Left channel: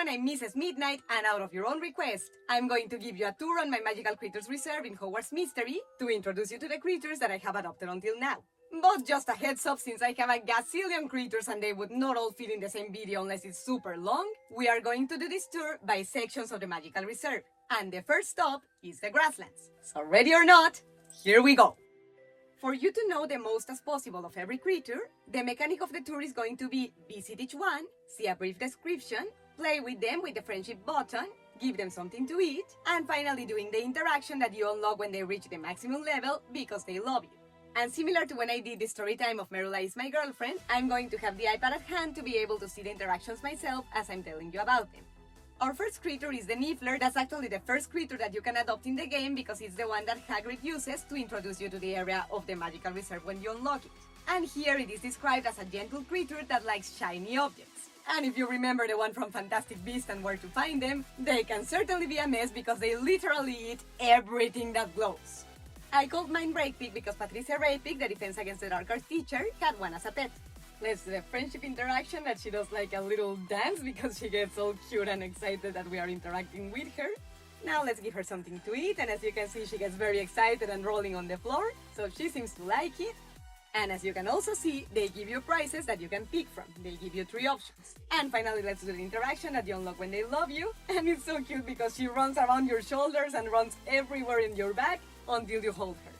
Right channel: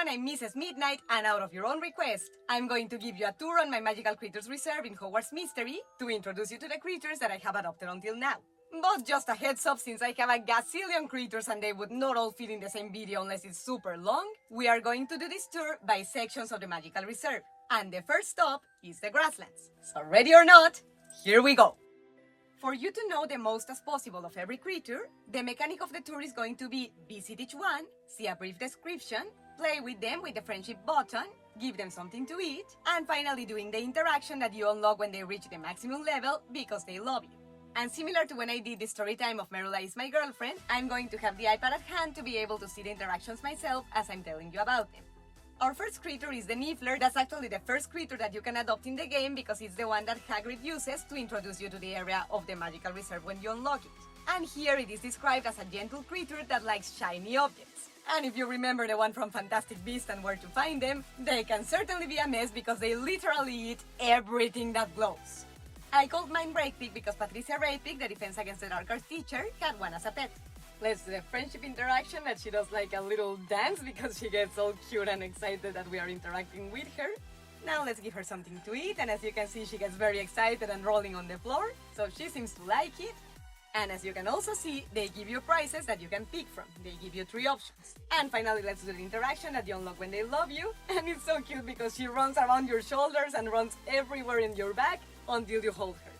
everyone, I'm Mrs. Midnight, and out of your own request, I'm going to give you a tour on my Magical Creatures Reserve in Hogwarts Mystery to introduce you to the creatures that I have adopted until now. But just a heads up, since I have a gazillion creatures and they would not all fit in the same video unless it's super long, we are going to do this tour by sections of the Magical Reserve. And the first stop is the grasslands. So ready or not, here we go! For you to know the most as possible of every creature, the mechanic of the tour is going to be visit each one, see a brief description, play with them with the friendship button, give them something to eat, and finally doing the interaction that you unlock when they reach the maximum level because they love you. And similar to when I did the story time of Merula is my girlfriend, I'm going to have the iPad at hand to be able to see the interactions myself as I'm telling you about them. Our first creature is the Niffler. That's actually the first creature that you can adopt in the game because it's the one that Hagrid uses to introduce you to the area of the Magical Reserve when you unlock it. And here it is described as a gentle creature that likes shiny objects. And if you remember the one from Fantastic Beasts and Where to Find Them, they can certainly be a mess because they literally eat everything that glows. I called mine Raypick because Patricia Raypick, the Defense Against the Dark Arts teacher, had one as a pet. Let's do the friendship interaction that she does like a little dance because she gets all cute and excited that we are interacting with her. Now let's give her something to eat, and as you can see she gets very excited and rolling on the floor, so she seems to like it. And as you can also see, they give you prizes that you can pick from. They give you 3 options. And finally, let's do the interaction that you unlock when they love you. And it's so cute because she runs around your shoulders and runs everywhere in your back until you hold her.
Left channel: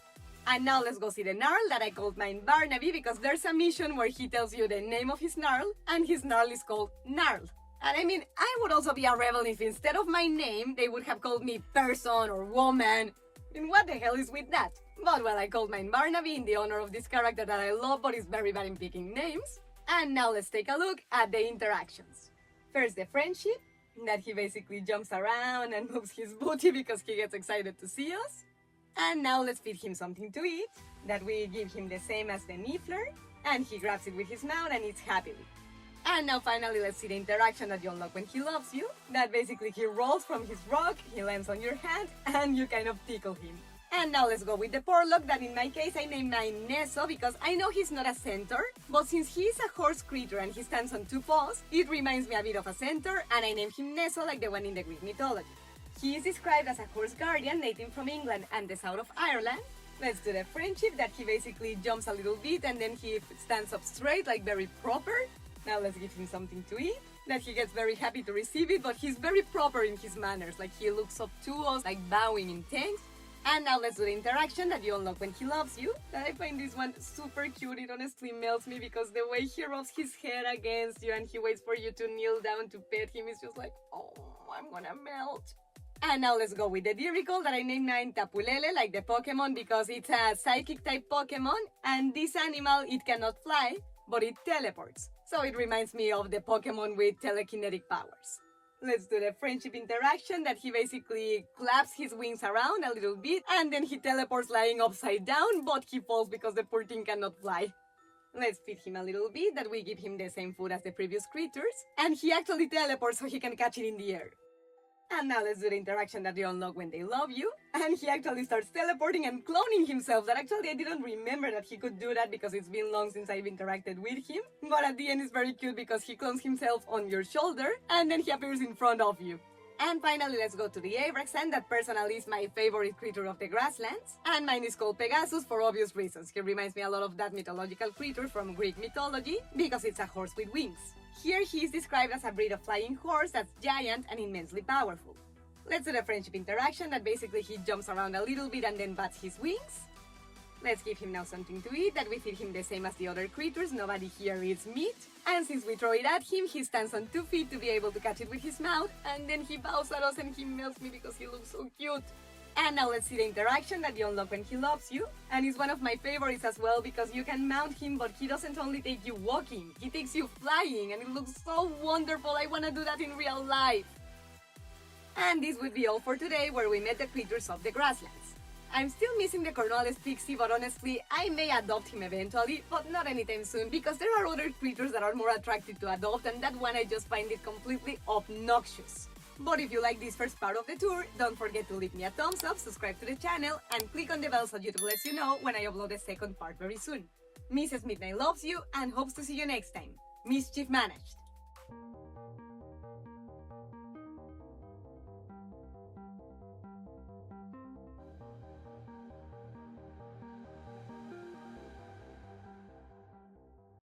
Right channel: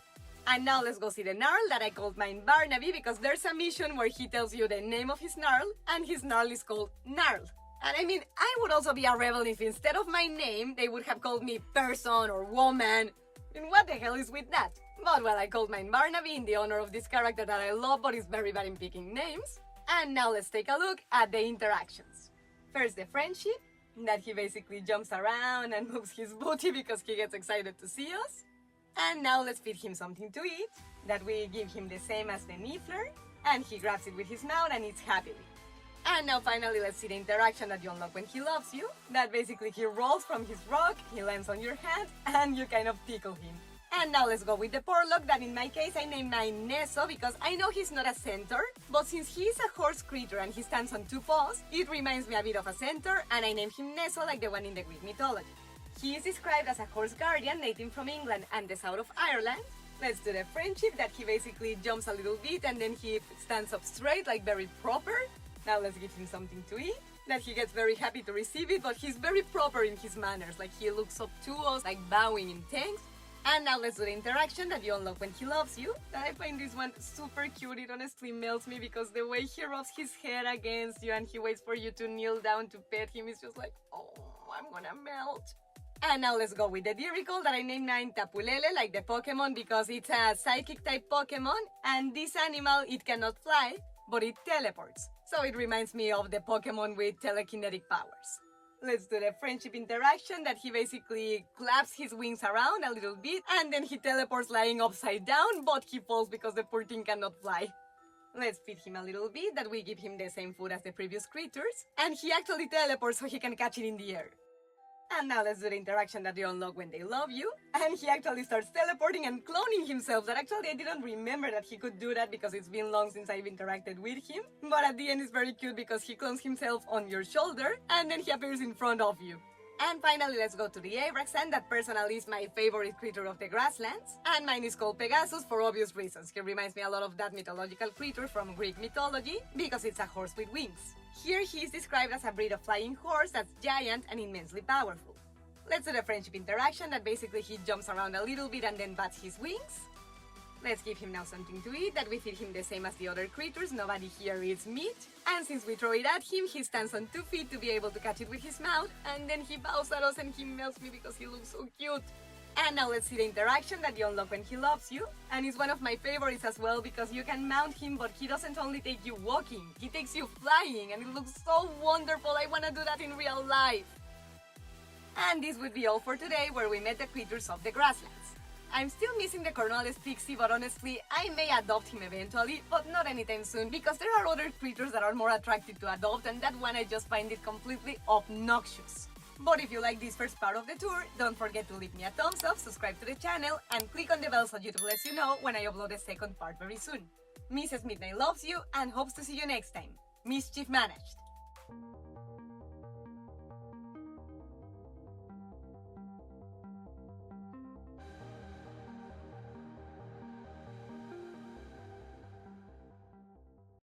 And now let's go see the Gnarl that I called mine Barnaby because there's a mission where he tells you the name of his Gnarl, and his Gnarl is called Gnarl. And I mean, I would also be a rebel if instead of my name, they would have called me person or woman. And what the hell is with that? But well, I called mine Barnaby in the honor of this character that I love but is very bad in picking names. And now let's take a look at the interactions. First, the friendship, that he basically jumps around and moves his booty because he gets excited to see us. And now let's feed him something to eat, that we give him the same as the Niffler, and he grabs it with his mouth and eats happily. And now finally let's see the interaction that you unlock when he loves you, that basically he rolls from his rock, he lands on your hand, and you kind of tickle him. And now let's go with the Porlock, that in my case I named mine Nesso because I know he's not a centaur, but since he's a horse creature and he stands on 2 paws, it reminds me a bit of a centaur, and I named him Nesso like the one in the Greek mythology. He is described as a horse guardian native from England and the south of Ireland. Let's do the friendship, that he basically jumps a little bit and then he stands up straight, like very proper. Now let's give him something to eat, that he gets very happy to receive it, but he's very proper in his manners, like he looks up to us, like bowing in thanks. And now let's do the interaction that you unlock when he loves you, that I find this one super cute. It honestly melts me because the way he rubs his head against you and he waits for you to kneel down to pet him is just like, oh, I'm gonna melt. And now let's go with the Dirical, that I named mine Tapulele, like the Pokemon, because it's a psychic type Pokemon, and this animal, it cannot fly, but it teleports. So it reminds me of the Pokemon with telekinetic powers. Let's do the friendship interaction, that he basically claps his wings around a little bit, and then he teleports lying upside down, but he falls because the poor thing cannot fly. Let's feed him a little bit, that we give him the same food as the previous creatures, and he actually teleports so he can catch it in the air. And now let's do the interaction that you unlock when they love you. And he actually starts teleporting and cloning himself, that actually I didn't remember that he could do that because it's been long since I've interacted with him. But at the end it's very cute because he clones himself on your shoulder and then he appears in front of you. And finally let's go to the Abraxan, that personally is my favorite creature of the grasslands. And mine is called Pegasus for obvious reasons. He reminds me a lot of that mythological creature from Greek mythology because it's a horse with wings. Here he is described as a breed of flying horse that's giant and immensely powerful. Let's do the friendship interaction, that basically he jumps around a little bit and then bats his wings. Let's give him now something to eat, that we feed him the same as the other creatures. Nobody here eats meat. And since we throw it at him, he stands on 2 feet to be able to catch it with his mouth, and then he bows at us and he melts me because he looks so cute. And now let's see the interaction that you unlock when he loves you. And it's one of my favorites as well because you can mount him, but he doesn't only take you walking, he takes you flying, and it looks so wonderful. I want to do that in real life. And this would be all for today, where we met the creatures of the grasslands. I'm still missing the Cornwallis Pixie, but honestly, I may adopt him eventually, but not anytime soon because there are other creatures that are more attractive to adopt, and that one I just find it completely obnoxious. But if you like this first part of the tour, don't forget to leave me a thumbs up, subscribe to the channel, and click on the bell so YouTube lets you know when I upload the second part very soon. Mrs. Midnight loves you and hopes to see you next time. Mischief managed.